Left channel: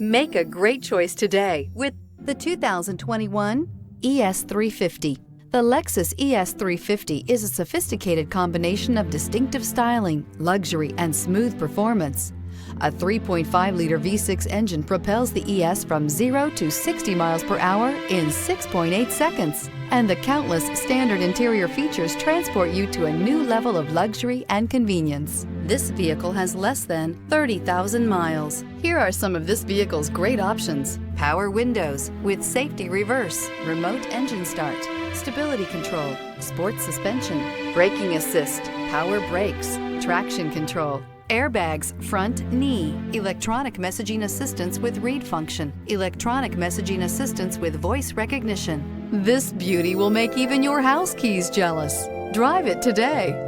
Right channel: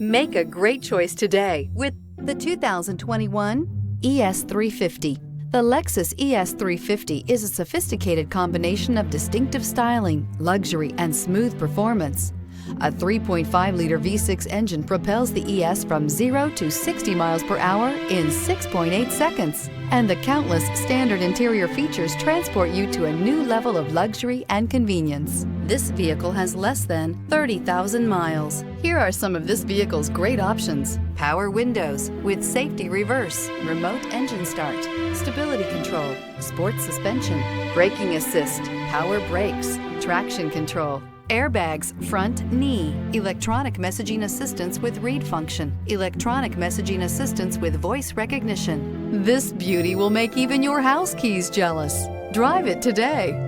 Make a great choice today with the 2021 ES350. The Lexus ES350 is a sophisticated combination of distinctive styling, luxury, and smooth performance. A 3.5-liter V6 engine propels the ES from 0 to 60 miles per hour in 6.8 seconds. And the countless standard interior features transport you to a new level of luxury and convenience. This vehicle has less than 30,000 miles. Here are some of this vehicle's great options: power windows with safety reverse, remote engine start, stability control, sports suspension, braking assist, power brakes, traction control, airbags front knee, electronic messaging assistance with read function, electronic messaging assistance with voice recognition. This beauty will make even your house keys jealous. Drive it today.